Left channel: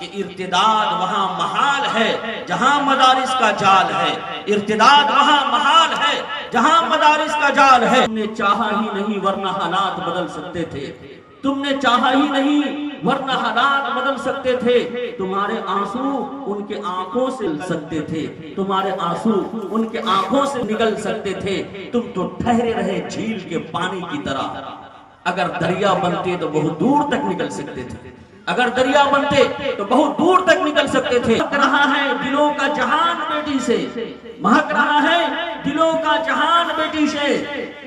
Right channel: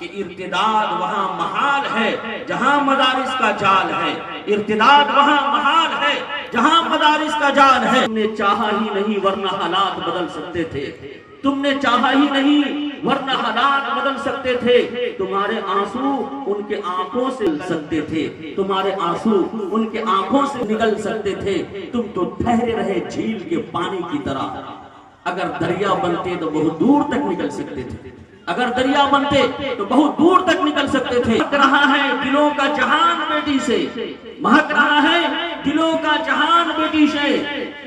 کہ ارتداد وہاں محال ہے جہاں مدارس کا جال ہے، ارتداد وہاں محال ہے جہاں مدارس کا جال ہے۔ تم نے چاہا ہی نہیں ورنہ حالات بدل سکتے تھے، تم نے چاہا ہی نہیں ورنہ حالات بدل سکتے تھے۔ تمہارے آنسو ان کے آنکھوں سے نکل سکتے تھے، تمہارے آنسو ان کے آنکھوں سے نکل سکتے تھے۔ تم تو ٹھہرے رہے جھیل کے پانی کی طرح، اگر دریا بنتے تو بہت دور تک نکل سکتے تھے، اگر دریا بنتے تو بہت دور تک نکل سکتے تھے۔ مہک رہا ہے دلوں کا جہان بیٹی سے، مہک رہا ہے دلوں کا جہان بیٹی سے،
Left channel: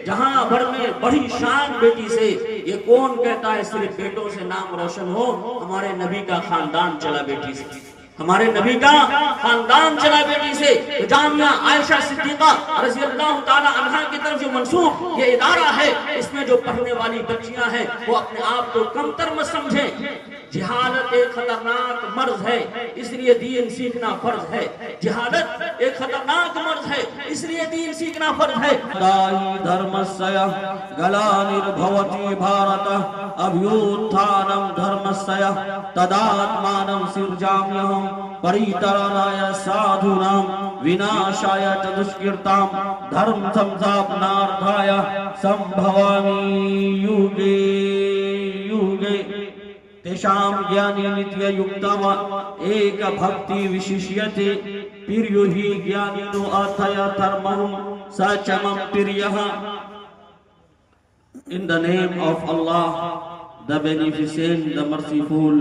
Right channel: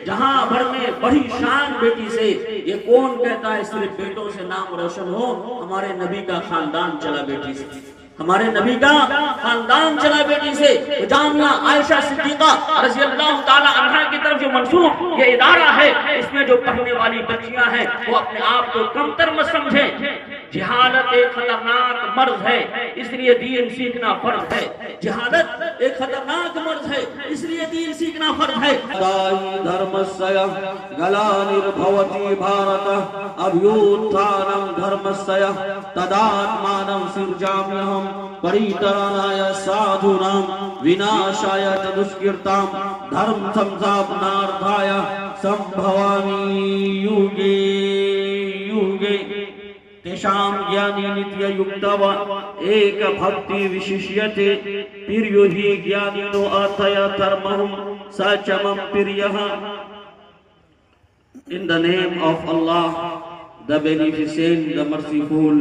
جہاں بڑھنے بڑی شان بیٹی سے۔ یہ کون کہتا ہے صرف بیٹوں سے نام روشن ہو؟ ہمارے نبی کا خاندان چلا بیٹی سے، ہمارے نبی کا خاندان چلا بیٹی سے۔ جامعہ عائشہ صدیقہ رضی اللہ تعالی عنہا کی طرف سے منسوب یہ ادارہ ہے، اس میں جو پڑھنے والی بچیاں ہیں وہ اپنے آپ کو کمتر مت سمجھیں۔ جہالت ایک خطرناک مرض ہے، اس لیے دین سیکھنا فرض ہے۔ جہالت ایک خطرناک مرض ہے، اس لیے دین سیکھنا فرض ہے۔ دھرمسیا گلانربھوتی بھارت ابھیوتھانم دھرمسیا تداتمانم سرجامہم پریترانایا سادھونام وناشایا چ دشکرتام دھرم سمساپناردھایا سمبھوامی یوگے یوگے تیشام گیانی نتیہ یکتوا ایک بھکتی وششیتے پریو ہی گیانی نو آتھیا ترمہم سچمم پریہا۔ In the name of Allah, the Beneficent, the Merciful,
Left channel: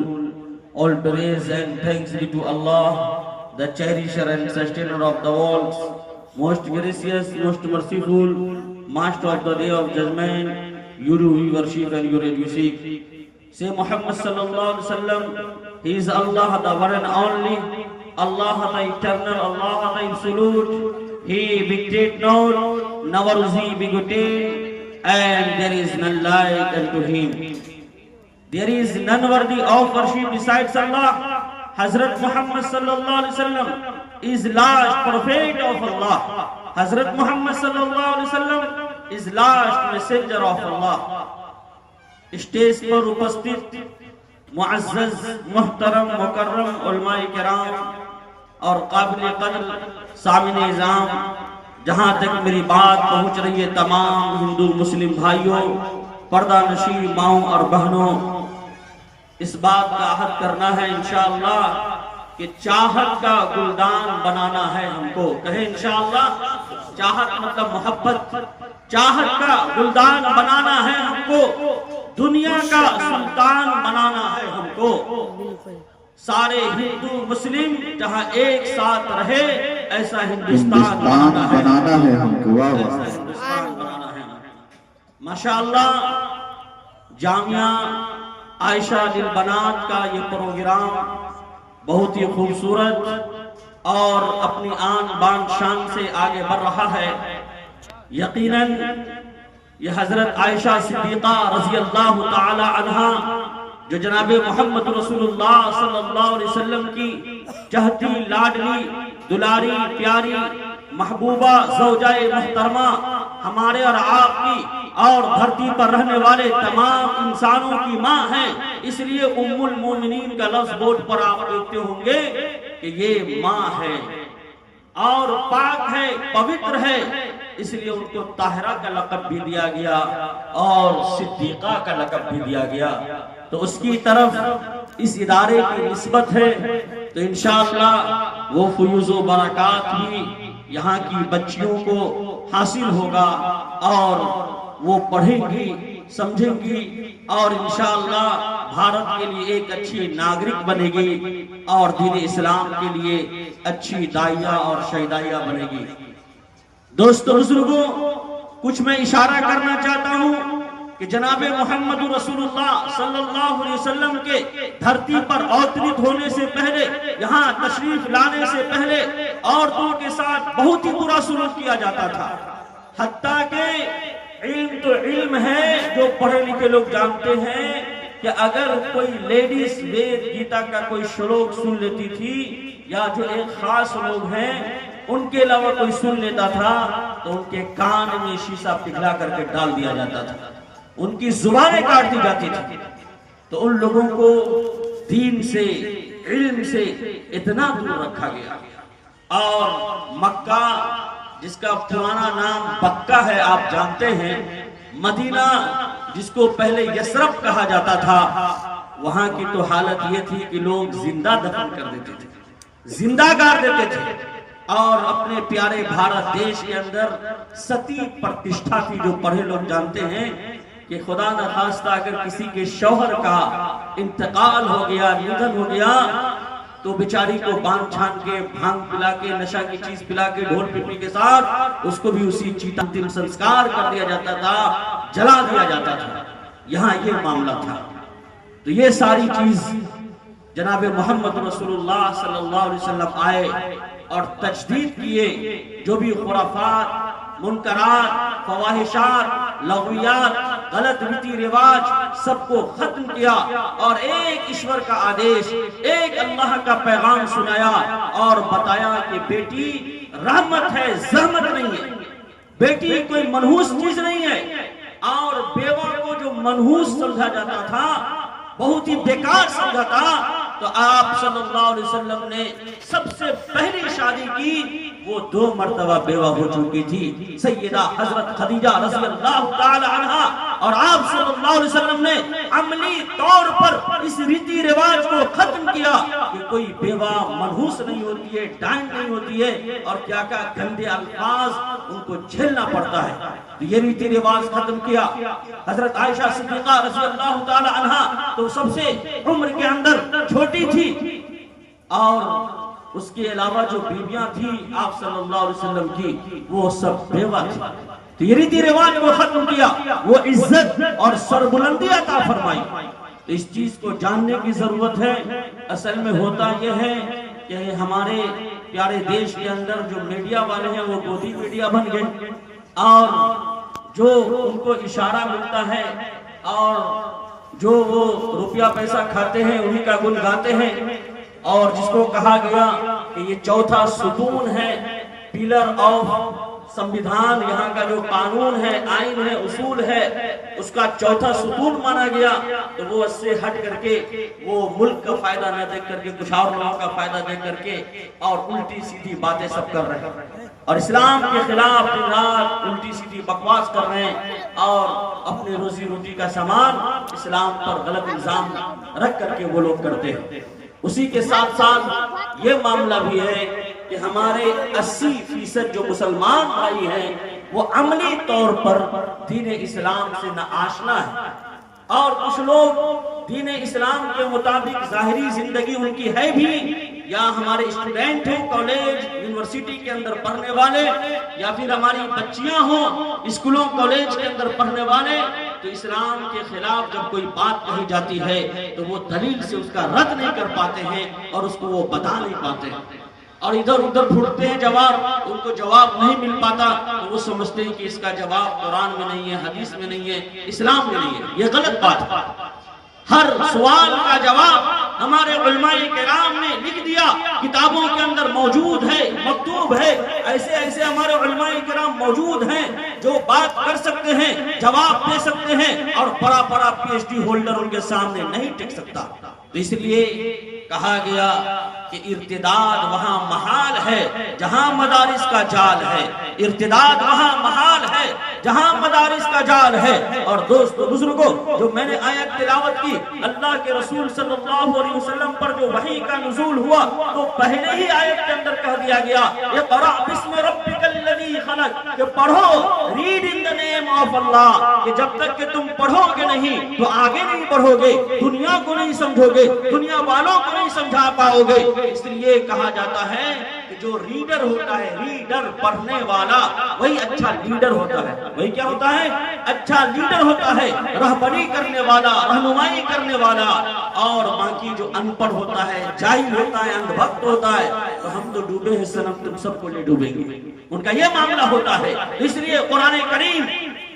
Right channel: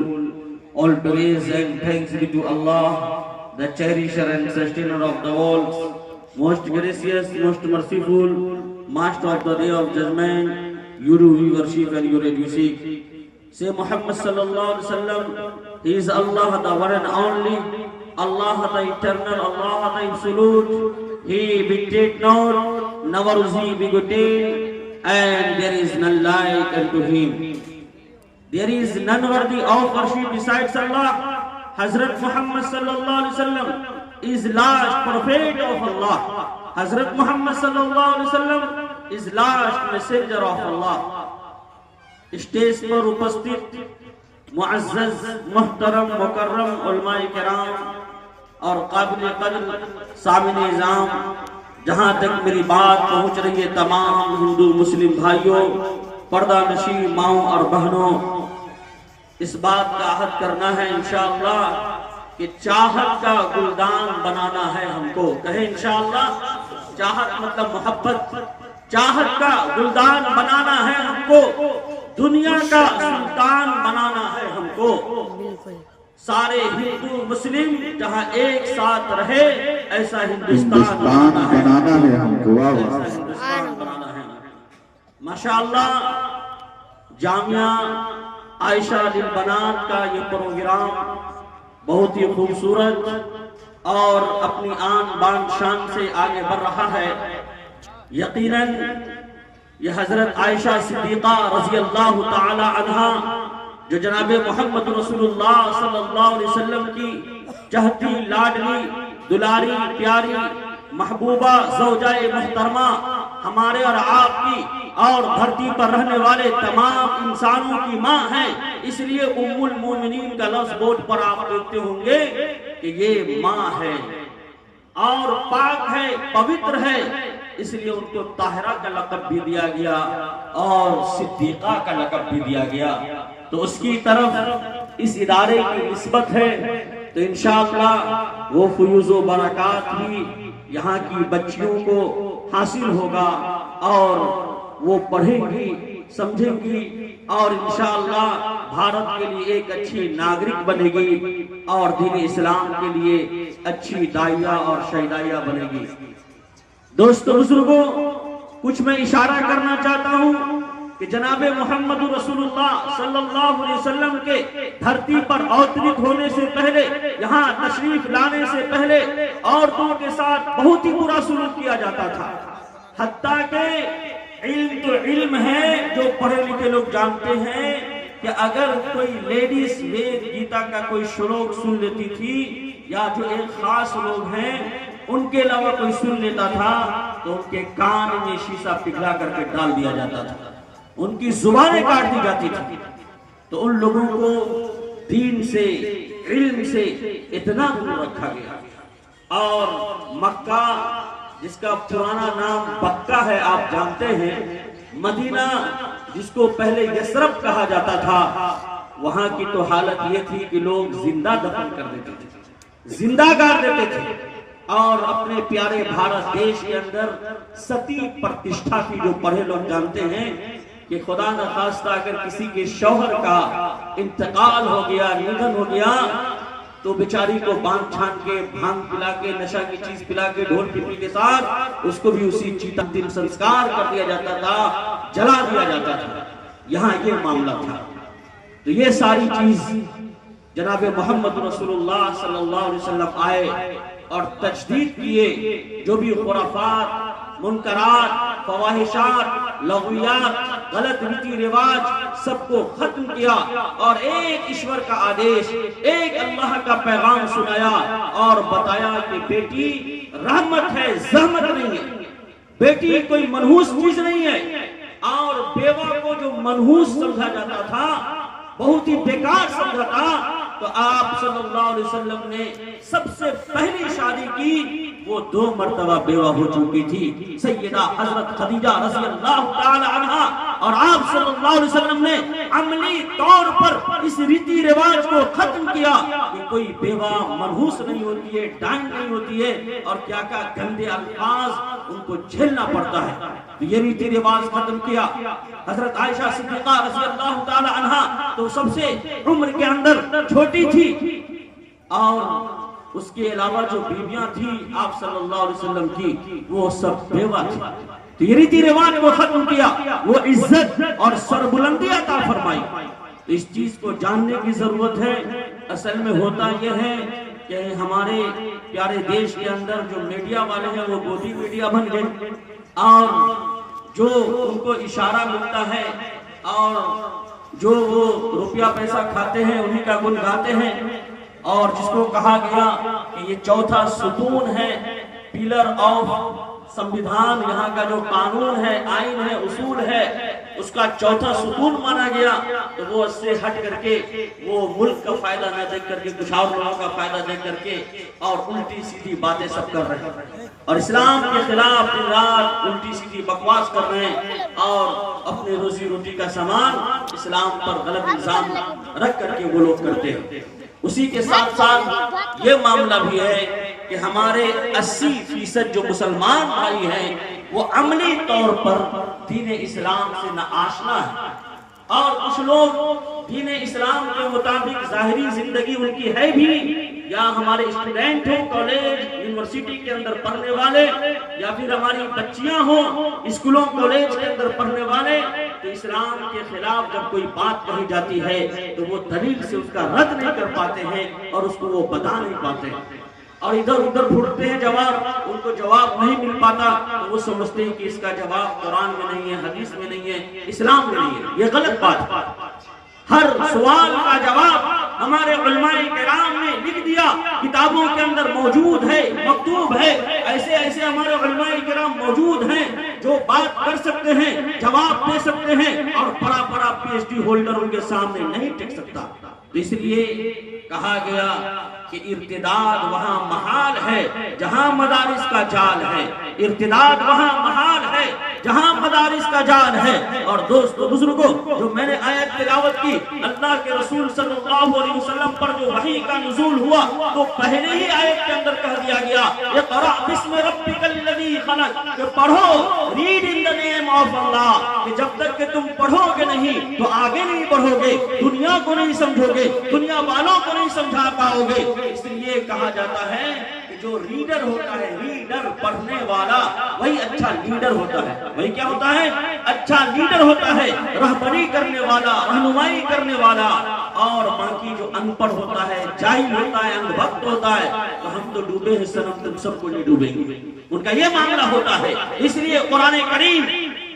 all praise and thanks be to Allah, the Cherisher and Sustainer of the worlds, most gracious, most merciful, Master of the Day of Judgment. You do we worship and you do we seek. Say Muhammad sallallahu alaihi wasallam, He is Allah, the one and only, Allah the eternal, Allah the absolute. He begat not, never was He begotten, and there is none like unto Him. There is none worthy of worship besides Allah. Hazrat Muhammad sallallahu alaihi wasallam is last prophet of Allah. Hazrat Muhammad sallallahu alaihi wasallam is last messenger of Allah. Stage پر اپستت معزز محترم مکرم علماء کرام اور قابل قدر سامعین نظام، جہاں تک میری بات پہنچ رہی ہے تمام ہندو مسلم بھائیوں، پردہ نشین ماؤں اور بہنوں، اس بات کا عہد کرنا ہے انشاءاللہ کہ چاہت کا گلدان بنانا ہے ہم کو۔ کہیں انشاءاللہ، چاہت مطلب محبت، چاہت کا گلدان بنانا ہے ہم کو، دنیا کا سلطان بنانا ہے ہم کو۔ سارے ہندو مسلم جہاں ایک ساتھ رہے ایسا ہندوستان بنانا ہے ہم کو، ایسا ہندوستان بنانا ہے۔ ماشاءاللہ جامعہ عائشہ للبنات کا یہ پروگرام بہت ہی خوبصورت اور اپنی آن بان شان سے آگے بڑھ رہا ہے۔ یقیناً یہ حضرت عائشہ صدیقہ رضی اللہ تعالی عنہا جو جناب محمد رسول اللہ صلی اللہ علیہ وسلم کی چہتی لاڈلی دلاری پیاری محبوبہ زوجہ محترمہ ہمارے اور آپ کی اور دھرتی پر رہنے والے تمام انسانوں کی ماں ہیں، اس لیے ام المومنین کا لفظ بورڈ پر آپ دیکھتے ہوں گے کہ یہ ماں ہے اور پاک ہے، پوتر ہے، اس لیے ان کو طاہرہ کا لقب بھی دیا گیا اور صدیقہ کا لقب بھی دیا گیا۔ تو اس کی طرف اس ادارے کی نسبت ہے تو انشاءاللہ وہ فیوز و برکات ہی یہاں کی بچیوں کو حاصل ہوگا اور وہ پڑھیں گی، سمجھیں گی اور انشاءاللہ بھارت کے لیے ایک اچھی ناگرک بنے گی اور دین اسلام کے لیے اچھی داعیہ اور شہدائیہ بنے گی۔ دوستو بزرگوں، کچھ میں اشارہ کرنا چاہتا ہوں کہ جناب محمد رسول اللہ صلی اللہ علیہ وسلم کے دھرتی پر اوترت ہونے سے پہلے، یہاں تشریف لانے سے پہلے عورتوں کے ساتھ بہت ہی برا سلوک کیا جاتا تھا، حتیٰ کہ علم تو علم ہے، جو پڑھے لکھے لوگ جانتے ہیں کہ اگر کوئی لیڈیز وید گیتا کا کوئی شلوک سن لیتی تھی یا جو ایک خاص لوگ ہیں ان کے علاوہ کوئی سن لیتا تھا تو ان کے کان میں شیشہ پگھلا کر کے ڈال دیا جاتا تھا، ان کی زبانیں کاٹ دی جاتی تھی۔ تو ان لوگوں کو دین سے علم سے اتنا دور رکھا گیا. اور مکہ جس کا پرانا نام بکہ ہے آپ جانتے ہیں، مدینہ جس کو پہلے یثرب کہا جاتا تھا، وہاں کی تو حالت یہ تھی کہ لوگ زندہ دفن کر دیتے تھے، زندہ گاڑ دیتے تھے. اور اپنے پیارے بھارت دیش کے اندر ستی پرتشٹھا کی جو پڑھے لوگ جانتے ہیں کہ خدا نخواستہ اگر کسی کے شوہر کا انتقال ہو گیا، نidھن ہو گیا، تو بیچاری کو باندھ چھان کے، بھانگ پلا کے، نشہ کی چیز پلا کے، ڈھول پپی کے ساتھ اس کو بھی اسی چیتا دن سنسکار کر دیا جاتا تھا، جلا دیا جاتا تھا. یہاں یہ معاملہ تھا. تو یہ ساری چیز جناب محمد رسول اللہ صلی اللہ علیہ وسلم آئے اور تجدید کیے. جو بھی خرافات، منکرات، فواحشات، لغویات، غلط ریتی رواج سب کو ختم کیا اور ایک ایشور کا آدیش، ایک اللہ کا پیغام سنایا اور بتایا کہ بیٹی رحمت ہے، زحمت نہیں ہے. بیٹی کوئی منحوس چیز نہیں ہے. اور بیوہ کو جو منحوس سمجھا جاتا تھا، بہت ہی بیکار سمجھا تھا، تو آپ صلی اللہ علیہ وسلم نے سب سے پہلی شادی کی، وہ 2 مرتبہ بیوہ ہو چکی تھی، سیدہ حضرت خدیجہ رضی اللہ تعالی عنہا. اور آپ صلی اللہ علیہ وسلم نے عملی طور پر اس ریتی رواج کو ختم کیا کہ کوئی بیوہ منحوس نہیں ہوتی ہے، ڈائن نہیں ہوتی ہے، اور کیا گندے الفاظ ان کو جھیلنا پڑتا ہے. تو یہ ریتی رواج ختم کیا. حضرت عائشہ صدیقہ رضی اللہ تعالی عنہا تو سب سے عمر کے اندر چھوٹی تھی، اور اس کے علاوہ جو بیویاں تھیں آپ صلی اللہ علیہ وسلم کی، وہ سب بیوہ تھی. تو یہ ریتی رواج کو ختم کیا، وہ عزت اور سربلندی عطا فرمائی. تو اس چیز کو جاننے کی ضرورت ہے. اصل میں ہوتا یہ ہے کہ ہمارے پیارے دیش کے اندر جو میڈیا والے ہیں وہ گودی میڈیا بن گئے، اور جو ان کو اشارہ ملتا ہے اور جو وہ روپیہ پیسہ کھاتے ہیں انہی کا گن گاتے ہیں. اور جس کو کہا گیا کہ یہ چوتھا ستون ہے، پیلر آف سمویدھان، یہاں کا جو قانون ہے، آئین ہے، اصول ہے، اس کا چوتھا ستون مانا گیا. تو وہ اس سے ہٹ کر کے وہ ملک کا فائدہ نہ دیکھ کر کے، کچھ اور لوگوں کا فائدہ دیکھ کر کے، اور الٹی سیدھی باتیں سب کر رہے ہیں، اور اسلام کے خلاف دن رات الٹی سیدھی بکواس کر رہے ہیں، اور اپنی روزی روٹی کا سامان اسلام پر غلط الزام رکھ کر کے وہ لوگ کرتے ہیں. اسی کے ساتھ ساتھ یہ معاملہ بھی ہے کہ ہمارے 80% جو مسلمان بھائی ہیں وہ عملی طور پر دین اسلام سے نہ آشنا ہے، اور کچھ لوگ دین اسلام کے مطابق ظاہری زندگی ان کی ہے بھی، یا ہمارے اسٹوڈنٹ ہیں کالج یونیورسٹی کے اندر پڑھنے والے، یا پھر ہماری بچیاں ہوں اسکولوں کالج کے اندر پڑھنے والے، تو اسلام کے خلاف جب کوئی بات کہی جاتی ہے تو وہ دلیل سے اس کا رد نہیں کر پاتے ہیں اور اس کو وہ بتا نہیں پاتے، اور ادھر ادھر ڈھونڈتے ہیں جواب، ان کو جواب نہیں مل پاتا تو وہ سمجھتے ہیں کہ اس کا جواب قرآن میں نہیں ہے، حدیث میں نہیں ہے، اسلام میں نہیں ہے. یہ غلط بات ہے. ہر سوال کا جواب ہمارے علماء کرام نے لکھ دیا، کتابوں کے اندر موجود ہے، مکتوب ہے. ایسے ایسے ہمارے علماء کرام موجود ہیں جو بات کر سکتے ہیں، جواب دے سکتے ہیں، اور بڑا بڑا PhD ہولڈر ان کے سامنے نہیں ٹک سکتا. تو اس لیے کہا گیا کہ ارتداد وہاں محال ہے جہاں مدارس کا جال ہے. ارتداد وہاں محال ہے جہاں مدارس کا جال ہے. اور دوستو بزرگوں، جو میں نے آیت تلاوت کی، اللہ کے رسول صلی اللہ علیہ وسلم پر جو وحی کا نزول ہوا تو پہلے ہی آیت کے اندر کہہ دیا گیا اقرأ بسم ربک الذی خلق، کہ پڑھو، read in the name of اللہ، کہ جب تک کہ تم پڑھو گے نہیں تو آگے نہیں بڑھو گے، دنیا کو نہیں سمجھو گے، دنیا والوں کو نہیں سمجھا پاؤ گے. اس لیے کہا جاتا ہے کہ جو ریڈر ہوتا ہے، ریڈر پڑھنے والا، وہی اچھا لیڈر ہوتا ہے. وہی کیا ہوتا ہے؟ اچھا لیڈر ہوتا ہے، رہبری کرنے والا، رہنمائی کرنے والا. اور باقی جو ان پڑھ ہوتا ہے، جاہل ہوتا ہے، اندھ بھکت ہوتا ہے، تو ہم تو ڈوبے ہیں صنم، تم سب کو نہیں ڈوبیں گے. ان کا یہ معاملہ ہوتا ہے. اس لیے قرآن کریم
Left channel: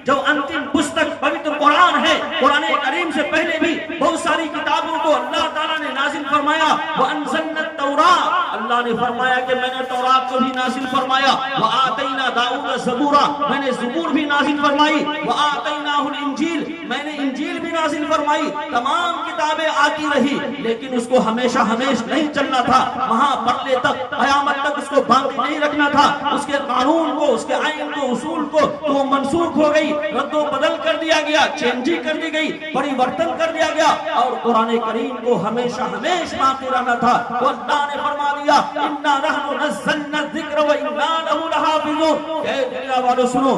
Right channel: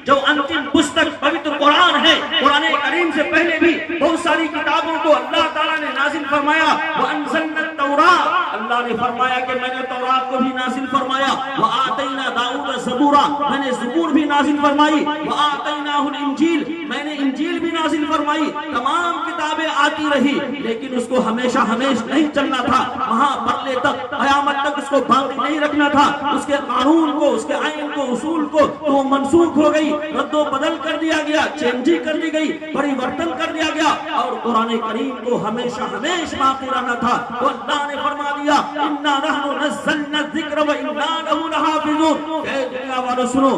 جو انتم پستک پوتر قرآن ہے، قرآن کریم سے پہلے بھی بہت ساری کتابوں کو اللہ تعالیٰ نے نازل فرمایا. وَأَنزَلْنَا التَّوْرَاةَ، اللہ نے فرمایا کہ میں نے تورات کو بھی نازل فرمایا. وَآتَيْنَا دَاؤُدَ زَبُورًا، میں نے زبور بھی نازل فرمائی. وَآتَيْنَاهُ الْإِنجِيلَ، میں نے انجیل بھی نازل فرمائی. فرمائی تمام کتابیں آتی رہی لیکن اس کو ہمیشہ نہیں چلنا تھا، وہاں پرلے تک قیامت تک اس کو باقی نہیں رکھنا تھا، اس کے قانون کو، اس کے آئین کو، اصول کو تو وہ منسوخ ہو گئی، رد و بدل کر دیا گیا، چینجنگ کر دی گئی، پریورتن کر دیا گیا، اور قرآن کریم کو ہمیشہ باقی رہنا تھا۔ تو اللہ نے فرما دیا اِنَّا نَحْنُ نَزَّلْنَا الذِّكْرَ وَإِنَّا لَهُ لَحَافِظُونَ، اے دنیا والو سنو،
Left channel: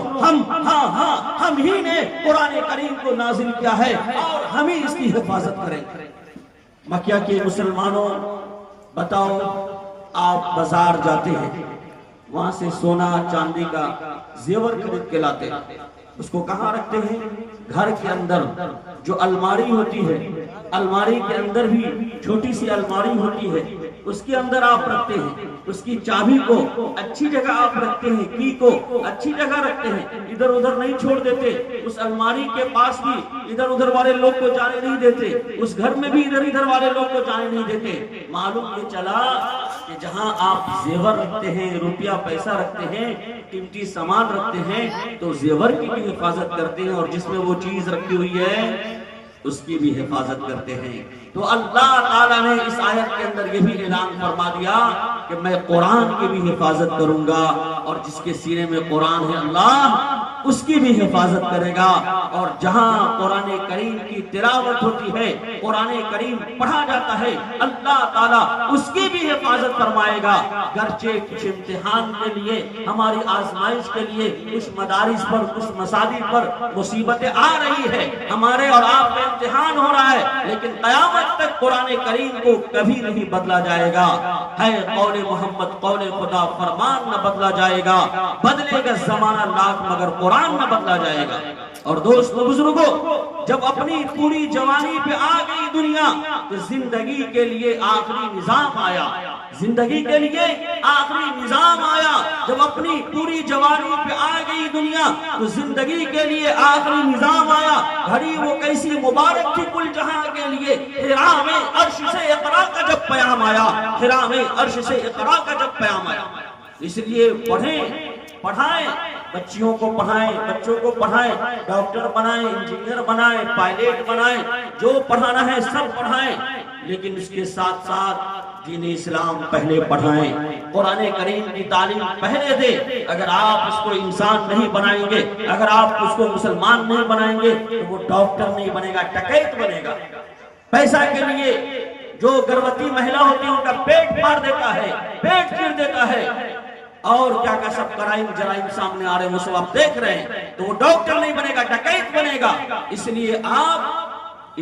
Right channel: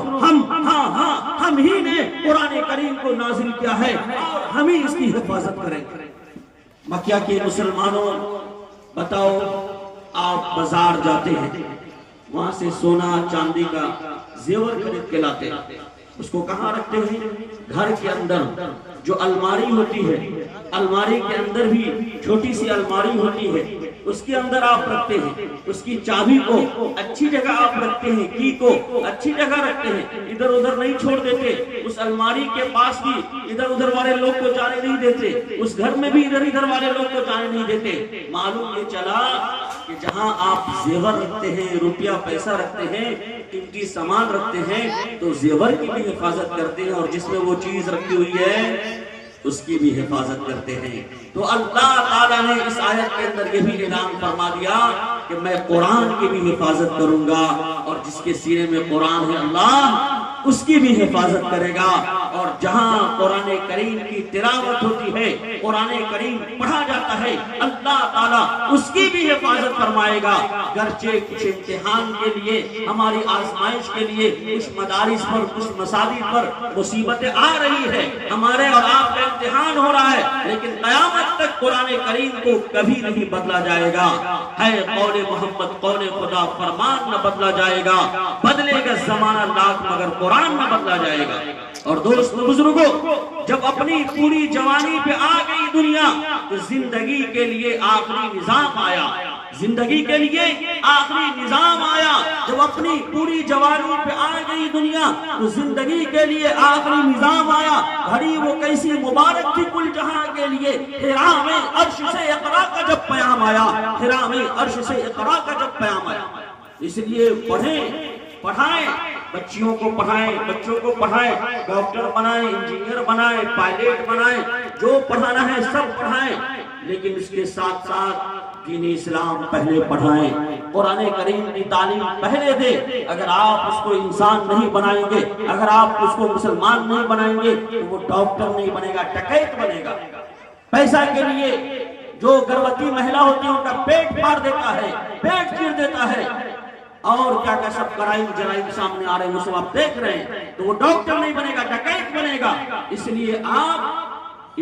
ہم ہی نے قرآن کریم کو نازل کیا ہے اور ہم ہی اس کی حفاظت کریں گے۔ مکہ کے مسلمانوں بتاؤ، آپ بازار جاتے ہیں، وہاں سے سونا چاندی کا زیور خرید کے لاتے ہیں، اس کو کہاں رکھتے ہیں؟ گھر کے اندر جو الماری ہوتی ہے، الماری کے اندر بھی چھوٹی سی الماری ہوتی ہے، اس کے اندر آپ رکھتے ہیں، اس کی چابی کو اچھی جگہ آپ رکھتے ہیں، کی کو اچھی جگہ رکھتے ہیں، ادھر ادھر نہیں چھوڑ دیتے، اس الماری کے پاس بھی ادھر ادھر والے لوگ کو جانے نہیں دیتے، اس گھر میں بھی ادھر ادھر والے لوگ کو جانے نہیں دیتے۔ معلوم یہ چلا کہ جہاں آپ زیور رکھتے ہیں، روپیہ پیسہ رکھتے ہیں، قیمتی سامان رکھتے ہیں، تو زیور کی بھی حفاظت کرتے ہیں، اور جس میں وہ چیز رکھی ہوئی ہے اس کی بھی حفاظت کرتے ہیں۔ تو اللہ تعالیٰ نے اس آیت کے اندر یہ بھی اعلان فرما دیا کہ میں قرآن کی بھی حفاظت کروں گا، اور جس کے سینے میں قرآن ہے اللہ اس کی بھی حفاظت کرے گا، اور جہاں قرآن کریم کی تلاوت ہوتی ہے، قرآن کریم پڑھا جاتا ہے، اللہ تعالیٰ اس کی بھی حفاظت فرمائے گا۔ گرچہ کچھ امتحان کے لیے، ہماری آزمائش کے لیے کچھ مدارس پر، کچھ مساجد پر مصیبتیں آ رہی ہے، ہمارے اور آپ کا امتحان ہو رہا ہے، لیکن قیامت تک قرآن کریم کو کبھی نہیں بدلا جائے گا۔ ہے قول محمد قول خدا، فرمان نہ بدلا جائے گا، بدلے گا زمانہ لاکھ مگر قرآن نہ بدلا جائے گا۔ اور دوستو بزرگوں، جب اپنی پوری جوانی پہ آ گئی دنیا تو زندگی کے لیے آخری نظام آیا، زندگی کے لیے آخری نظام آیا۔ جب اپنی پوری جوانی پہ آ گئی دنیا تو زندگی کے لیے آخری نظام آیا۔ گھڑی وہ کیسی مبارک تھی کل جہاں کے لیے، حرام عرش سے اقرا کا جب پیام آیا، حرام عرش سے اقرا کا جب پیام آیا۔ اس لیے پڑھائیں، بچیوں کو پڑھائیں، بچوں کو پڑھائیں، ڈاکٹر بنائیں، انجینئر بنائیں، پائلٹ بنائیں، جو پڑھانا ہے سب پڑھائیں، لیکن اس کے ساتھ ساتھ دین اسلام پہلے پڑھائیں، قرآن کریم کی تعلیم پہلے دیں۔ اگر آپ اس کو انسان نہیں بنائیں گے، اگر آپ اس کو مسلمان نہیں بنائیں گے تو وہ ڈاکٹر نہیں بنے گا، ڈکیت بنے گا۔ پیسہ کے لیے جو گربوتی مہیلا ہوتی ہے ان کا پیٹ پھاڑ دیتا ہے، پیٹ چیر دیتا ہے، اور کیا کا سب کرائم جرائم سامنے آ رہے ہیں، اسے آپ دیکھ رہے ہیں، تو وہ ڈاکٹر نہیں بنے گا، ڈکیت بنے گا۔ اس لیے آپ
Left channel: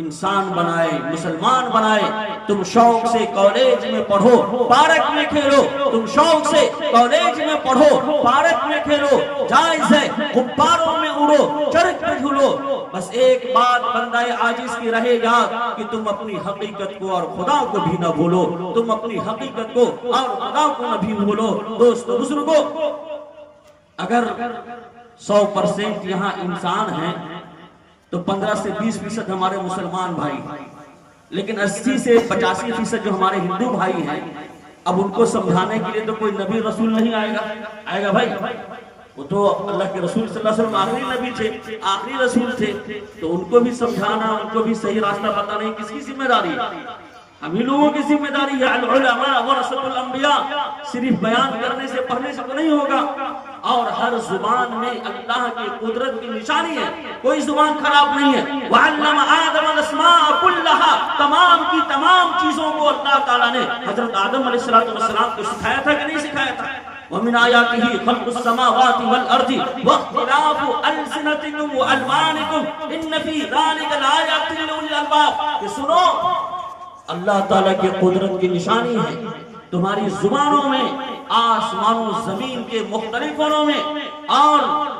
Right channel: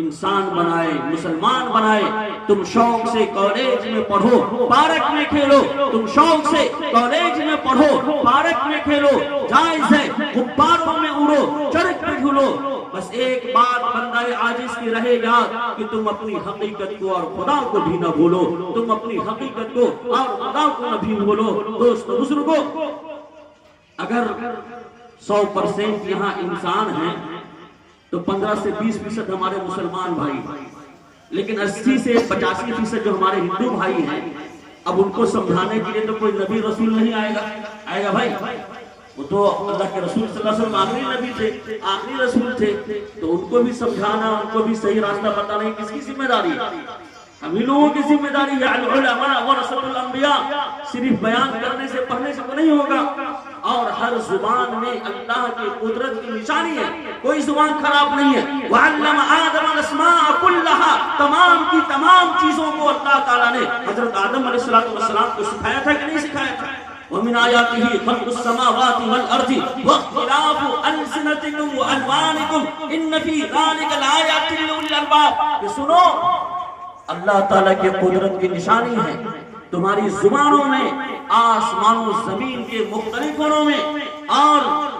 انسان بنائے، مسلمان بنائے۔ تم شوق سے کالج میں پڑھو، پارک میں کھیلو، تم شوق سے کالج میں پڑھو، پارک میں کھیلو، جائز ہے، غباروں میں اڑو، چرخ پہ جھولو، بس ایک بات بندہ عاجز کی رہے گا کہ تم اپنی حقیقت کو اور خدا کو بھی نہ بھولو، تم اپنی حقیقت کو اور خدا کو نہ بھی بھولو۔ دوستو بزرگوں، اگر 100% یہاں انسان ہیں تو 15 سے 20% ہمارے مسلمان بھائی، لیکن 80 سے 85% جو ہمارے ہندو بھائی ہیں، اب ان کو سمجھانے کے لیے تو کوئی نبی رسول نہیں آئے گا بھائی، وہ تو اللہ کے رسول صلی اللہ علیہ وسلم آخری نبی تھے، آخری رسول تھے، تو ان کو بھی سمجھانا، ان کو بھی صحیح راستہ بتانا کس کی ذمہ داری ہے؟ ہم ہی لوگوں کی ذمہ داری ہے۔ العلماء ورثۃ الانبیاء، صرف بیان کرنے سے پڑھنے سے نہیں ہوگا، اور ہر زبان میں اللہ کی قدرت کی نشانی ہے، کوئی زبان خراب نہیں ہے۔ وَعَلَّمَ آدَمَ الْأَسْمَاءَ كُلَّهَا، تمام کی تمام چیزوں کو اللہ تعالیٰ نے حضرت آدم علیہ السلام کو سکھایا تھا کہ نہیں سکھایا تھا؟ وَمِنْ آيَاتِهِ خَلْقُ السَّمَاوَاتِ وَالْأَرْضِ وَاخْتِلَافُ أَلْسِنَتِكُمْ وَأَلْوَانِكُمْ إِنَّ فِي ذَلِكَ لَآيَاتٍ لِأُولِي الْأَلْبَابِ۔ کہ سنو، اللہ تعالیٰ کی قدرت کی نشانی ہے تمہاری زبانوں میں، آسمان و زمین کے مختلف گنوں میں، اور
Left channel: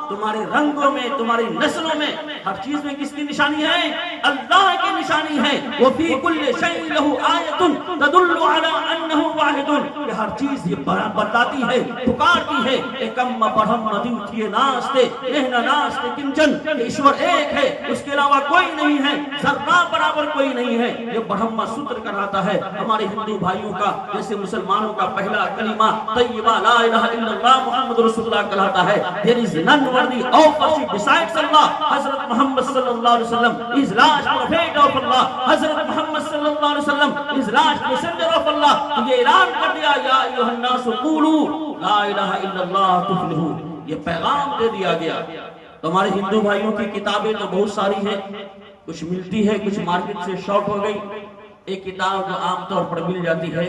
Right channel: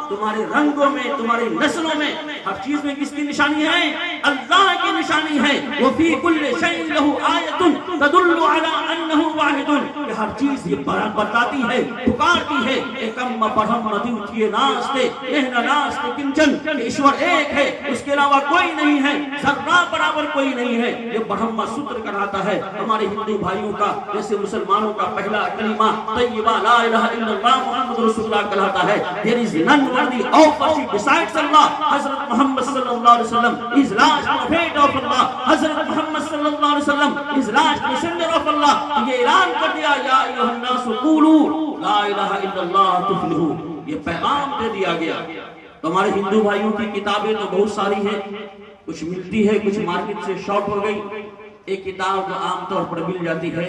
تمہارے رنگوں میں، تمہاری نسلوں میں، ہر چیز میں کس کی نشانی ہے؟ اللہ کی نشانی ہے۔ وَفِي كُلِّ شَيْءٍ لَهُ آیَةٌ تَدُلُّ عَلَىٰ أَنَّهُ وَاحِدٌ، کہ ہر چیز چیز یہ بتاتی ہے، پکارتی ہے کہ کم پڑھم مدیو تھیے ناستے مہنا ناستے کنچن، کہ ایشور ایک ہے، اس کے علاوہ کوئی نہیں ہے، ذرہ برابر کوئی نہیں ہے. یہ برہم سوتر کراتا ہے ہمارے ہندو بھائیوں کا. جیسے مسلمانوں کا پہلا کلمہ طیبہ لا الہ الا اللہ محمد رسول اللہ کہلاتا ہے. There is none worthy of worship besides Allah. حضرت محمد صلی اللہ علیہ وسلم is last prophet of Allah. حضرت محمد صلی اللہ علیہ وسلم is last messenger of Allah. یہ اعلان کر دیا یا ایھا الناس قولوا لا الہ الا اللہ تفلحوا. یہ پیغام دے دیا گیا. تو ہمارے ہندو بھائیوں کی کتابیں تو بہت ساری ہیں، کچھ ملتی ہے، کچھ مارکیٹ سے شارٹ ہو گئی. ایک کتاب جو عام طور پر مل جاتی ہے،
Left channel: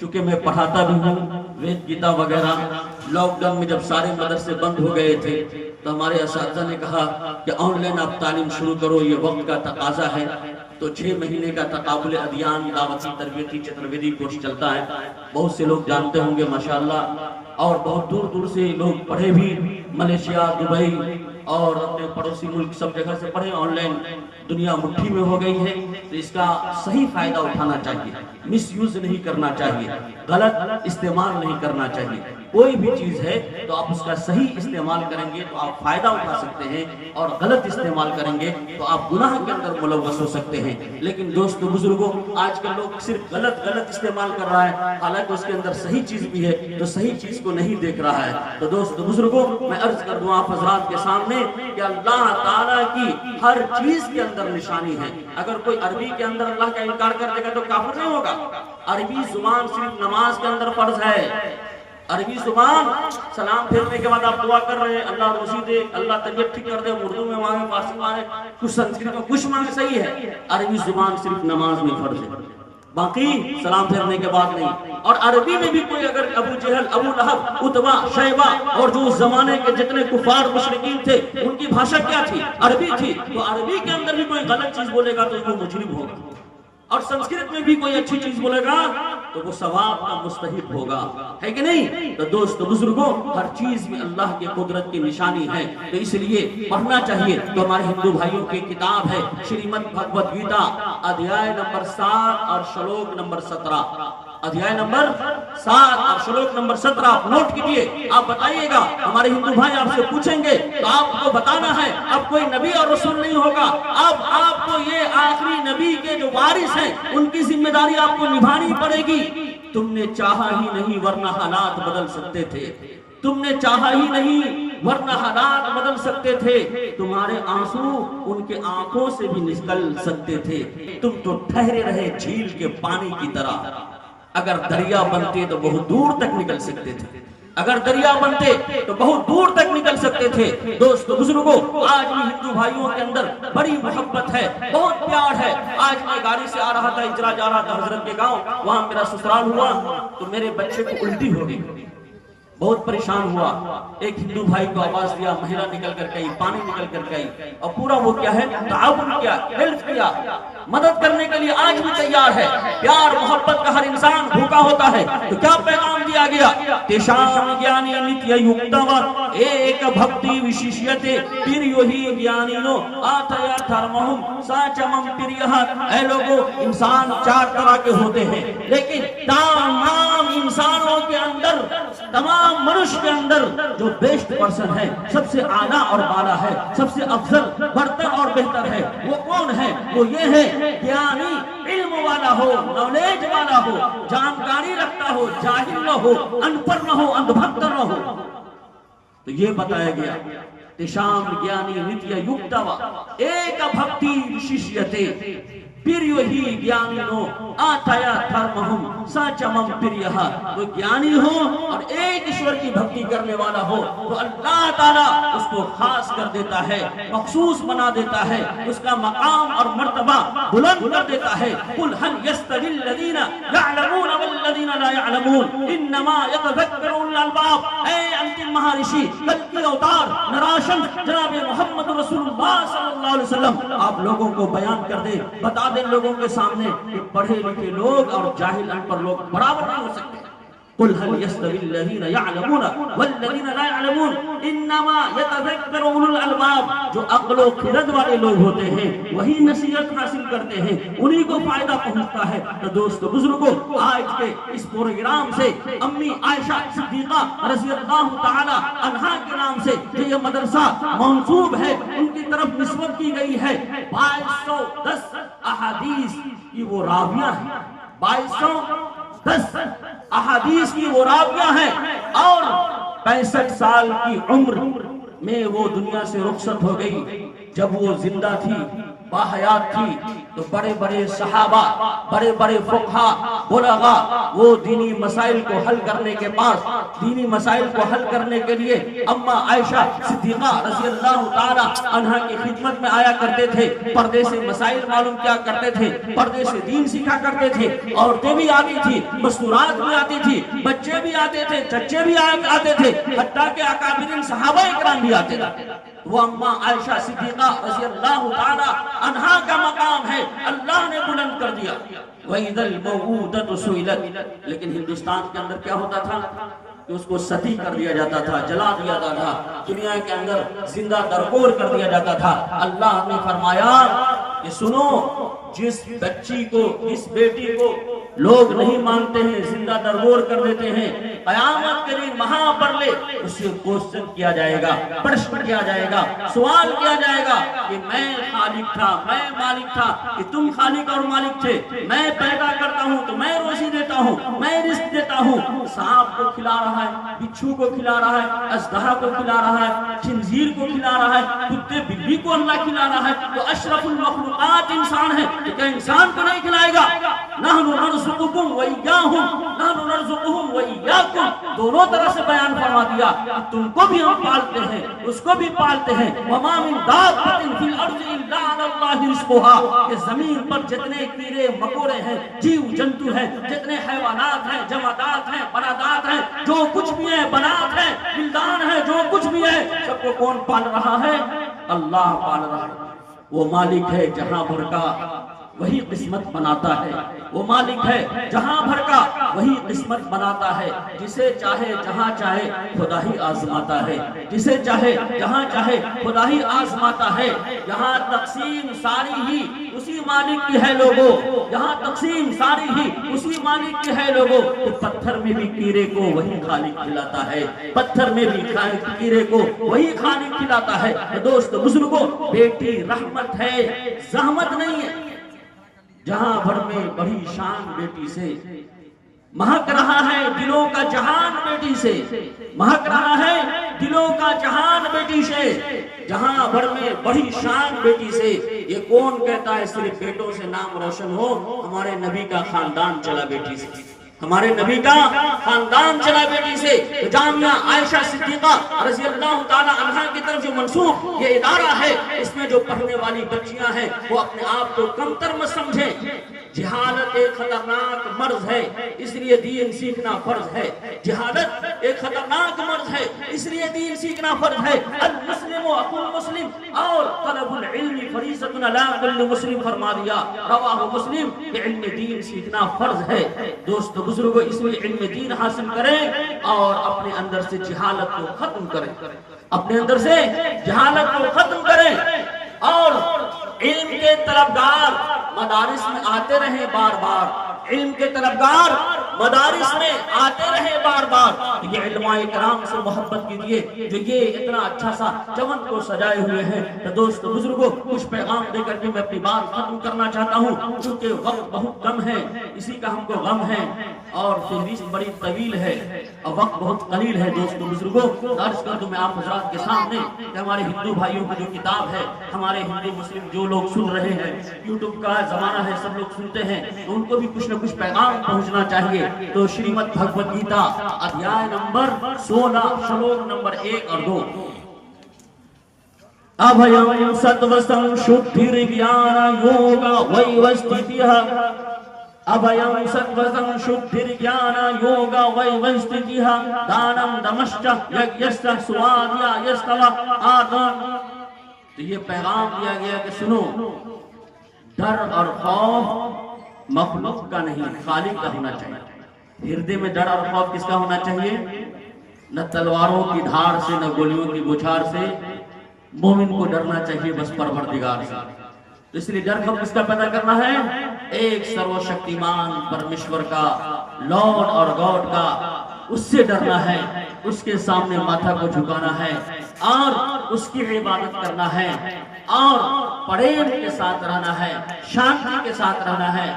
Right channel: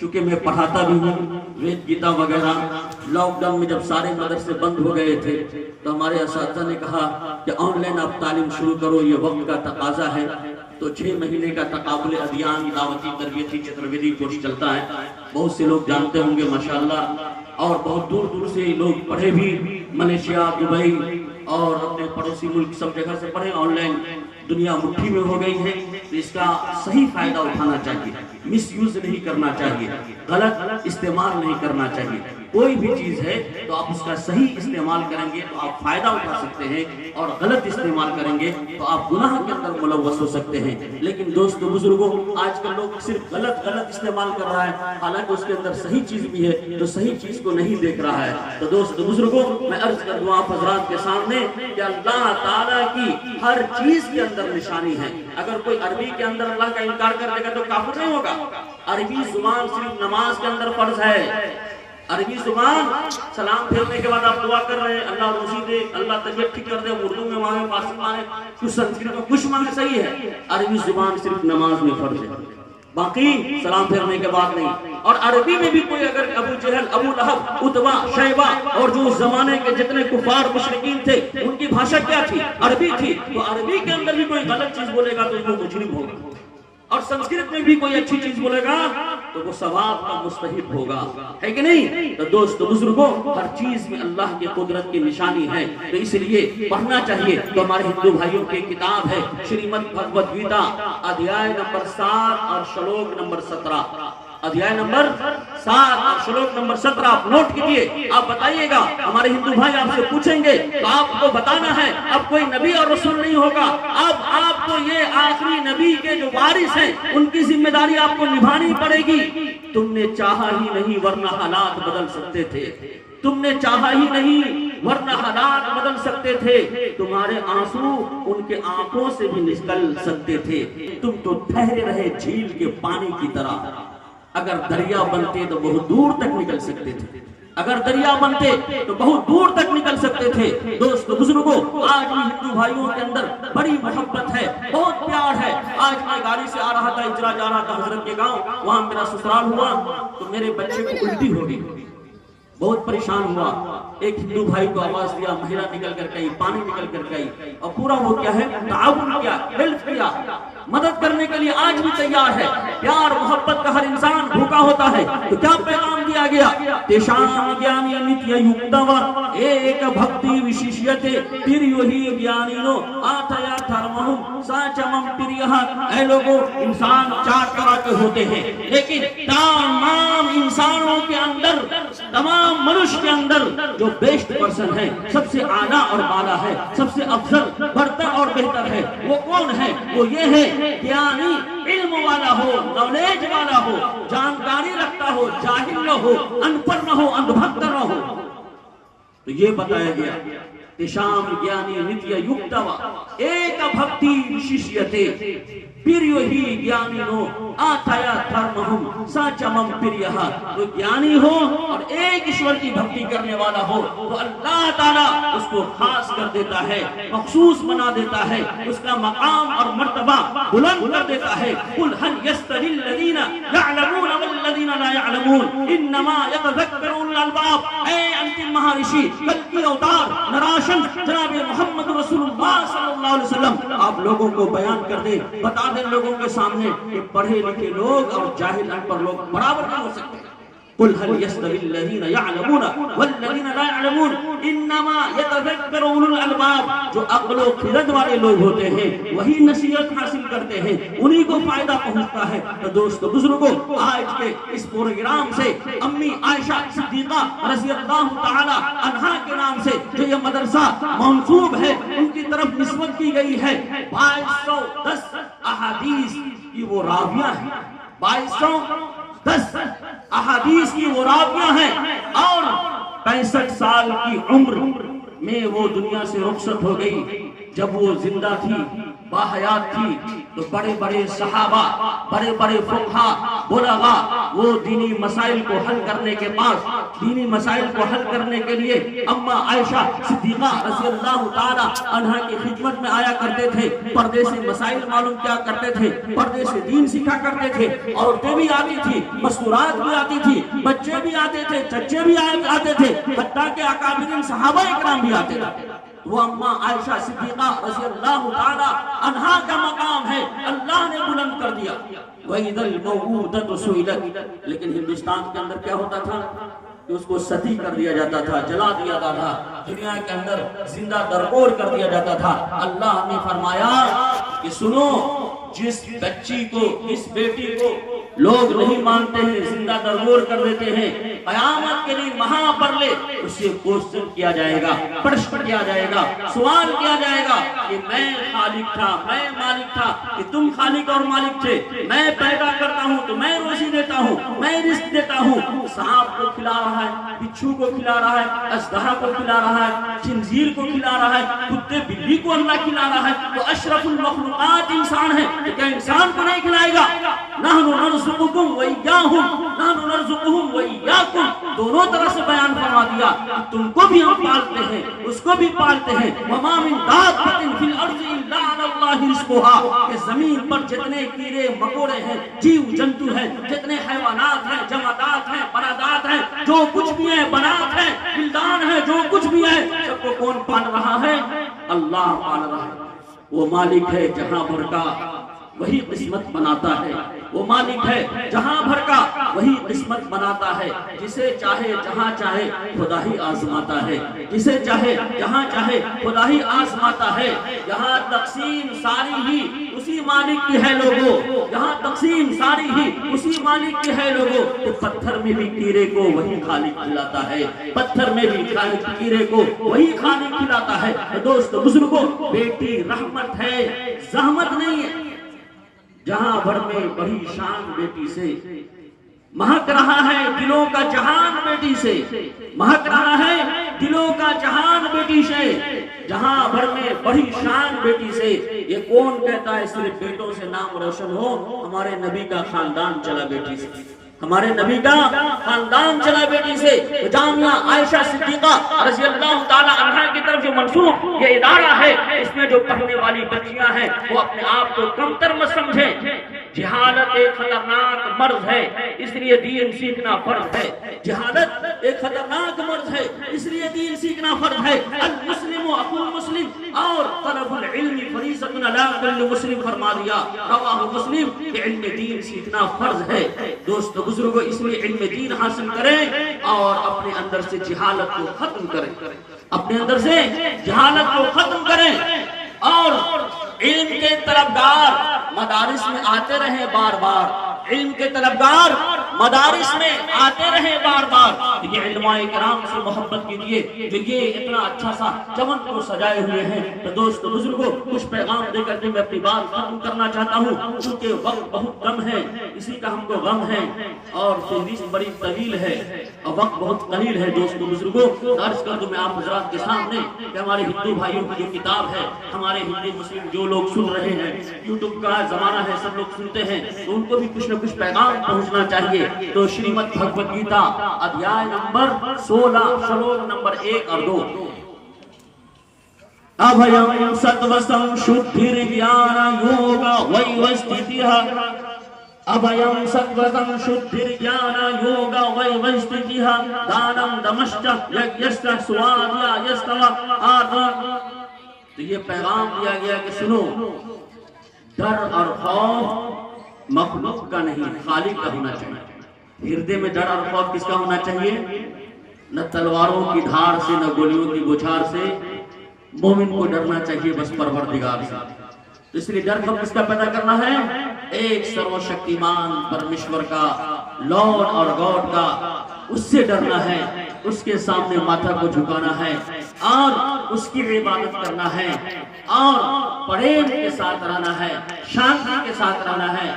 چونکہ میں پڑھاتا بھی ہوں، وید گیتا وغیرہ. لاک ڈاؤن میں جب سارے مدرسے بند ہو گئے تھے تو ہمارے اساتذہ نے کہا کہ آن لائن آپ تعلیم شروع کرو، یہ وقت کا تقاضا ہے. تو 6 مہینے کا تقابل ادیان دعوتی تربیتی چترویدی کورس چلتا ہے. بہت سے لوگ جانتے ہوں گے ماشاءاللہ، اور بہت دور دور سے لوگ پڑھے بھی، ملیشیا، دبئی اور اپنے پڑوسی ملک سب جگہ سے پڑھے. آن لائن دنیا مٹھی میں ہو گئی ہے، تو اس کا صحیح فائدہ اٹھانا چاہیے، مس یوز نہیں کرنا چاہیے، غلط استعمال نہیں کرنا چاہیے. کوئی بھی چیز ہے تو آپ اس کا صحیح استعمال کریں گے تو آپ فائدہ اٹھا سکتے ہیں، اور غلط استعمال کریں گے تو آپ گناہ کے اندر ملوث ہو سکتے ہیں. لیکن دوستو بزرگوں، آج کل لوگ صرف غلط استعمال کر رہا ہے، حالانکہ اس کے اندر صحیح چیز بھی ہے تو صحیح چیز کو نہیں دیکھ رہا ہے. تو دوستو بزرگوں، میں عرض کر دوں آپ حضرات کے سامنے کہ اللہ تعالیٰ کی ہر چیز کے اندر نشانی ہے. اگر کوئی عربی کے اندر اللہ کا انکار کر لے گا تو کافر نہیں ہوگا. عربی زبان صرف نماز کے اندر فرض ہے. عربی زبان سلام پھیرنے کے بعد آپ دعا کر رہے ہیں اللہ روزی دے، اللہ طبیعت ٹھیک کر دے، اردو میں مانگے، فارسی مانگے، کچھ سنسکرت میں کچھ مانگے، صحیح ہے. عربی زبان صرف نماز میں فرض ہے، باقی سلام پھیرنے کے بعد نہیں. اور عربی میں بھی کوئی اگر ابو جہل، ابو لہب، اتبا، شیبہ اور جو اس زمانے کے جتنے کفار مشرکین تھے ان کی بھاشا کیا تھی؟ عربی تھی. تو عربی کے اندر بھی کوئی غلط چیز بولے گا تو وہ مجرم ہوگا، اور سنسکرت میں بھی کوئی اچھی چیز بولے گا تو وہ ثواب کا مستحق ہوگا، ہے کہ نہیں؟ تو دوستو بزرگوں، ہر چیز میں اللہ کی قدرت کی نشانی ہے، تو اس لیے پڑھنا چاہیے. تو ہمارے ہندو بھائیوں کی کتاب ہے شریمد بھگوت گیتا، ادھیائے نمبر 7 اور شلوک نمبر 17. ادھیائے نمبر 7 اور شلوک نمبر 17 آپ نوٹ کیجئے. آپ بتائیے گا، ہمارے ہندو بھائی آپ سے پوچھیں گے تو آپ کو بتانا ہے. اب کوئی نبی اور رسول نہیں ہوگا، اب آپ کو یہ آخری نبی کے جو وارث ہیں ان کی ذمہ داری آپ کو نبھانی پڑے گی. تم نے چاہا ہی نہیں ورنہ حالات بدل سکتے تھے. تم نے چاہا ہی نہیں ورنہ حالات بدل سکتے تھے. تمہارے آنسو ان کے آنکھوں سے بھی نکل سکتے تھے. تم تو ٹھہرے رہے جھیل کے پانی کی طرح. اگر دریا بنتے تو بہت دور تک نکل سکتے تھے. اگر دریا بنتے تو بہت دور تک نکل سکتے تھے. دوستو بزرگوں، آج بھی ہندو بھائیوں کے اندر بڑی محبت ہے، بہت پیار ہے. آج میں گاڑی سے آ رہا تھا، اجرا جا رہا تھا حضرت کے گاؤں، وہاں میرا سسرال ہوا تو میرے بچے کو الٹی ہو گئی، بہت پریشان ہوا. ایک ہندو بھائی کو آواز دیا، مہیلا نکل کر گئی، پانی نکل کر گئی، اور پورا وہ کیا ہے تعاون کیا، ہیلپ کیا، مدد کرنے کے لیے آج بھی تیار ہے. پیار محبت کا ہر انسان بھوکا ہوتا ہے. تو کیا پیغام دیا گیا؟ تیشام گیانی نتیہ یکتوا ایک بھکتی وشیشیتے پریوہی گیانینو آتیا دھرمہم ساچمم پریہا. اے لوگوں، انسان 4 طرح کے ہوتے ہیں، لیکن تمام انسانوں کے اندر، تمام منش کے اندر جو بیسٹ پرسن ہے، سب سے اعلیٰ اور بالا ہے، سب سے افضل، برتر اور بہتر ہے، وہ کون ہے؟ وہ یہ ہے گیانی، علم والا ہو، نالج والا ہو، جانکاری رکھتا ہو، جاہل نہ ہو، ان پڑھ نہ ہو، اندھ بھکت نہ ہو. تو یہ بتایا گیا تیشام گیانی نتیہ یکتوا ایک بھکتی وشیشیتے پریوہی گیانینو آتیا دھرمہم ساچمم پریہا. جو گیانی ہو اور ایک ایشور کی بھکتی کرنے والا ہو تو اللہ تعالیٰ اس کو خاص کر دیتا ہے، مخصوص بنا دیتا ہے، اس کا مقام اور مرتبہ بلند کر دیتا ہے. قل هل يستوي الذين يعلمون والذين لا يعلمون انما يتذكر اولو الالباب. اے انتم مہارشی، کلکی اوتار، نراشن جناب محمد رسول اللہ صلی اللہ علیہ وسلم، آپ لوگوں کو بیان کر دے، بتا دیں لوگوں کے سامنے کہ پڑھے لکھے لوگ اور جاہل ان پر لوگ برابر نہیں ہو سکتے. قل هل يستوي الذين يعلمون والذين لا يعلمون انما يتذكر اولو الالباب. جو عقل و خرد والے لوگ ہوتے ہیں وہی نصیحت حاصل کرتے ہیں, انہی کو فائدہ پہنچتا ہے. تو دوستو بزرگوں, آج کے اس پروگرام سے امی عائشہ صدیقہ رضی اللہ تعالی عنہا کے نام سے جو یہ مدرسہ منسوب ہے ان کی طرف نسبت کی گئی ہے. 2210 احادیث کی وہ راویہ ہیں, 2210 احادیث کی وہ راویہ ہیں, اور 65 سال کی عمر میں وہ دنیا سے رخصت ہو گئی. جب وہ زندہ تھی, باحیات تھی, تو بڑے بڑے صحابہ, بڑے بڑے فقہا, بلغا وہ دینی مسائل کو حل کرنے کے بعد, دینی مسائل کو حل کرنے کے لیے اما عائشہ صدیقہ رضی اللہ تعالی عنہا کی خدمت میں آیا کرتے تھے. پردے سے مسائل معلوم کیا کرتے تھے, پردے سے دین سیکھا کرتے تھے. عورتیں بھی آتی تھی, مستورات بھی آتی تھی, بچے بھی آتے تھے, چچے بھی آتے تھے, حتیٰ کہ اکابرین صحابہ اکرام بھی آتے تھے. وہ اما عائشہ صدیقہ رضی اللہ تعالی عنہا کا مقام ہے, اللہ نے بلند کر دیا. وَإِذَا الْمَوْءُودَةُ سُئِلَتْ. لیکن ہندوستان کے اندر کیا ہوتا تھا کہ اس کو ستی کر دیا جاتا تھا, جلا دیا جاتا تھا, دنیا کے اندر زندہ درگور کر دیا جاتا تھا. اللہ نے فرمایا کہ سنو, جس بچی کو, جس بیٹی کو لوگ نہیں مانتے ہیں, زندہ درگور کر دیتے ہیں, قیامت کے دن وہاں پر لے اسے کوشچن کیا جائے گا, پرشن کیا جائے گا, سوال کیا جائے گا کہ میں خالق تھا, میں مالک تھا, کہ تم خالق اور مالک تھے, میں پیدا کرتا ہوں تو میں روزی دیتا ہوں, میں رزق دیتا ہوں. سانپ کو کھلا رہا ہے, بچھو کو کھلا رہا ہے, اژدہا کو کھلا رہا ہے, خنزیر کو کھلا رہا ہے, کتے بلی کو اللہ کھلا رہا ہے. وہ اشرف المخلوقات انسان ہے, کیا انسان کو نہیں کھلائے گا؟ نحن نرزقکم وإیاہم, نحن نرزقہم وإیاکم. دونوں طرح سے بیان فرما دیا, تم کو بھی ہم پالتے ہیں, اس کو بھی پالتے ہیں. وما من دابۃ فی الارض الا علی اللہ رزقها. کہ زمین پر جتنے کیڑے مکوڑے ہیں, جیو جنتو ہیں, جتنے حیوانات ہیں, جمادات ہیں, پرندات ہیں, جو کچھ بھی ہیں, بنات ہیں, بلدان ہیں, جو کچھ بھی ہے, سب کو کون پال رہا ہے؟ اللہ پال رہا ہے. وہ مالک ہے جہاں بھر کا, وہی قسمت بناتا ہے. وہ مالک ہے جہاں بھر کا, وہی قسمت بناتا ہے. جسے چاہے جہاں چاہے خدا ہی آزماتا ہے, جسے چاہے جہاں چاہے خدا ہی آزماتا ہے. یہاں تقسیم ساری ہی اسی مالک کی ہے لوگوں, یہاں تقسیم ساری ہی اسی مالک کی ہے لوگوں. تو پتھر میں بھی کیڑے کو وہی خالق کھلاتا ہے, پتھر میں بھی کیڑے کو وہی خالق کھلاتا ہے. دوست بزرگوں, بیٹی رحمت ہے, زحمت نہیں ہے. جہاں بھر میں بڑی شان بیٹی سے, مہک رہا ہے دلوں کا جہان بیٹی سے, مہک رہا ہے دلوں کا جہان بیٹی سے. جہاں بھر میں بڑی شان بیٹی سے. یہ کون کہتا ہے صرف بیٹوں سے نام روشن ہو؟ ہمارے نبی کا خاندان چلا بیٹی سے, ہمارے نبی کا خاندان چلا بیٹی سے. جامعہ عائشہ صدیقہ رضی اللہ تعالی عنہا کی طرف جو منسوب یہ ادارہ ہے, اس میں جو پڑھنے والی بچیاں ہیں وہ اپنے آپ کو کمتر مت سمجھیں. جہالت ایک خطرناک مرض ہے, اس لیے دین سیکھنا فرض ہے. جہالت ایک خطرناک مرض ہے, اس لیے دین سیکھنا فرض ہے. المسلم اخو المسلم, اور طلب العلم فریضۃ علی کل مسلم فرما دیا, رواہ مسلم. کہ علم دین سیکھنا فرض ہے. دوست بزرگوں, اس لیے علم دین حاصل کریں اور اپنے اندر سے جہالت کو ختم کریں, اپنے اندر سے جہالت کو ختم کریں. اور علم کے طلبگار مدارس میں آتے رہیں بار بار, علم کے طلبگار مدارس میں آتے رہے بار بار. یہ علماء کرام سے محبت کیجیے جو یہ اتنا اچھا سا چمن کو سجائے ہوئے ہیں. تو دوست بزرگوں, کچھ پیغام دے کر کے میں اپنی بات ختم کرنا چاہتا ہوں, کیونکہ وقت بہت کم ہے, اسی کا ہم کو غم ہے, اور فہرست بڑی طویل ہے اور وقت بہت قلیل ہے. دوست بزرگوں, عرض کر دوں میں آپ حضرات کے سامنے کہ ہمارے ہندو بھائیوں کی جو کتاب ہے, ہمارے ہندو مسلم جو لوگ سن رہے ہیں, یوٹیوب کا زمانہ ہے, سب لوگ سنتے ہیں, ان کو بھی کچھ نہ کچھ پیغام پہنچنا چاہیے. تو شریمد بھگوت گیتا ادھیائے نمبر 16 شلوک نمبر 1 اور 2. ابھیم ستوسم شدھیر گیان یوگا ویوستھتیہ, ابھیم ستوسم شدھیر گیان یوگا ویوستھتیہ, دانم دمشچ یجنچ سوادھیایستو آدم. تو یہ پیغام دیا گیا کہ سنو, ڈر اور خوف مخلوق کا نہیں, خالق کا ہونا چاہیے. ہردے میں ڈر اور خوف کس کا ہونا چاہیے؟ نہ تلواروں کی دھار سے، نہ گولیوں کی بچھار سے. مومن کو ڈرنا چاہیے بس پروردگار سے. اس لیے ڈر کو کس کا پیدا کرنا ہے؟ ایک سرو شکتیمان پرمیشور کا، لارڈ اور گاڈ کا. اس سے ڈرنا ہے، اس کے سامنے ماتھا کو جھکانا ہے اور اس کی عبادت کرنا ہے اور پریم کے ساتھ رہنا ہے، شانتی کے ساتھ رہنا ہے.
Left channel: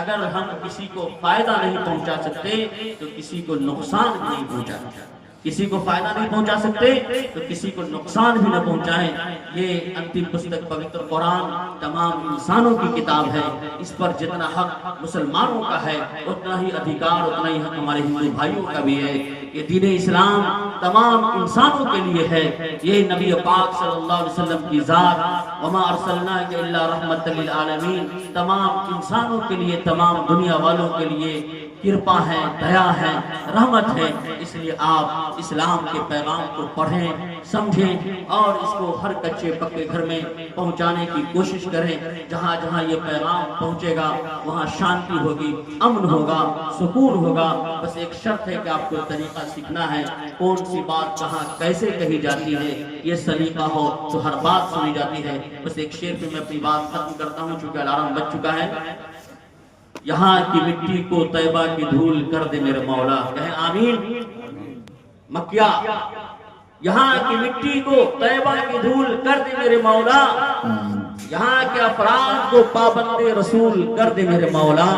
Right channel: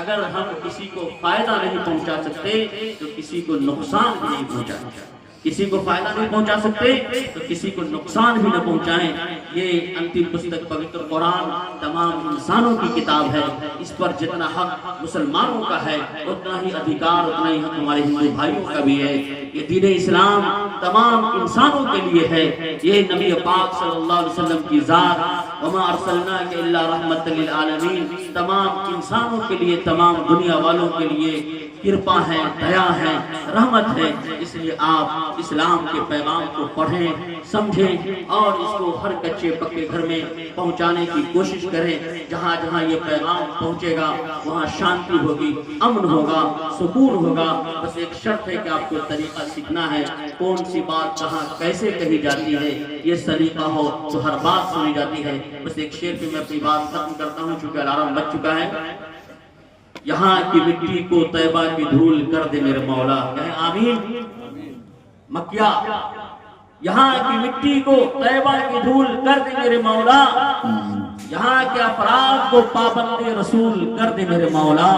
اگر ہم کسی کو فائدہ نہیں پہنچا سکتے تو کسی کو نقصان بھی نہیں پہنچا سکتے. کسی کو فائدہ نہیں پہنچا سکتے تو کسی کو نقصان بھی نہ پہنچائیں. یہ انتم پستک پوتر قرآن تمام انسانوں کی کتاب ہے. اس پر جتنا حق مسلمانوں کا ہے اتنا ہی ادھیکار، اتنا ہی حق ہمارے ہندو بھائیوں کا بھی ہے. یہ دین اسلام تمام انسانوں کے لیے ہے. یہ نبی پاک صلی اللہ علیہ وسلم کی ذات، وما ارسلناک الا رحمۃ للعالمین، تمام انسانوں کے لیے، تمام دنیا والوں کے لیے کرپا ہے، دیا ہے، رحمت ہے. اس لیے آپ اسلام کے پیغام کو پڑھیں، سمجھیں اور اس کو ہر کچے پکے گھر میں پہنچانے کی کوشش کریں. جہاں جہاں یہ پیغام پہنچے گا وہاں شانتی ہوگی، امن ہوگا، سکون ہوگا. بس ایک شرط ہے کہ آپ کو طریقہ سیکھنا ہے. کون سی بات کہاں کیسے کہی جاتی ہے یہ سلیقہ ہو تو ہر بات سنی جاتی ہے. بس ایک شعر پہ میں اپنی بات ختم کرتا ہوں چونکہ الارم بج چکا ہے. یہاں کی مٹی کو طیبہ کی دھول کر دے میرے مولا. کہیں آمین. مکیہ یہاں کی مٹی کو طیبہ کی دھول کر دے میرے مولا. یہاں کے افراد کو پابند رسول کر دے میرے مولا.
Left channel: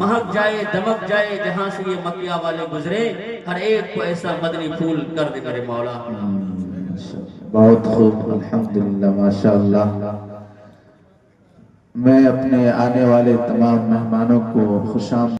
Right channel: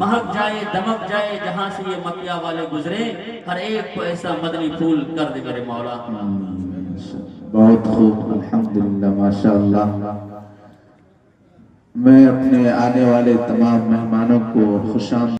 مہک جائے دمک جائے جہاں سے یہ مکیہ والے گزرے، ہر ایک کو ایسا مدنی پھول کر دے میرے مولا. بہت خوب، الحمدللہ، ماشاءاللہ. میں اپنے آنے والے تمام مہمانوں کو خوش آمدید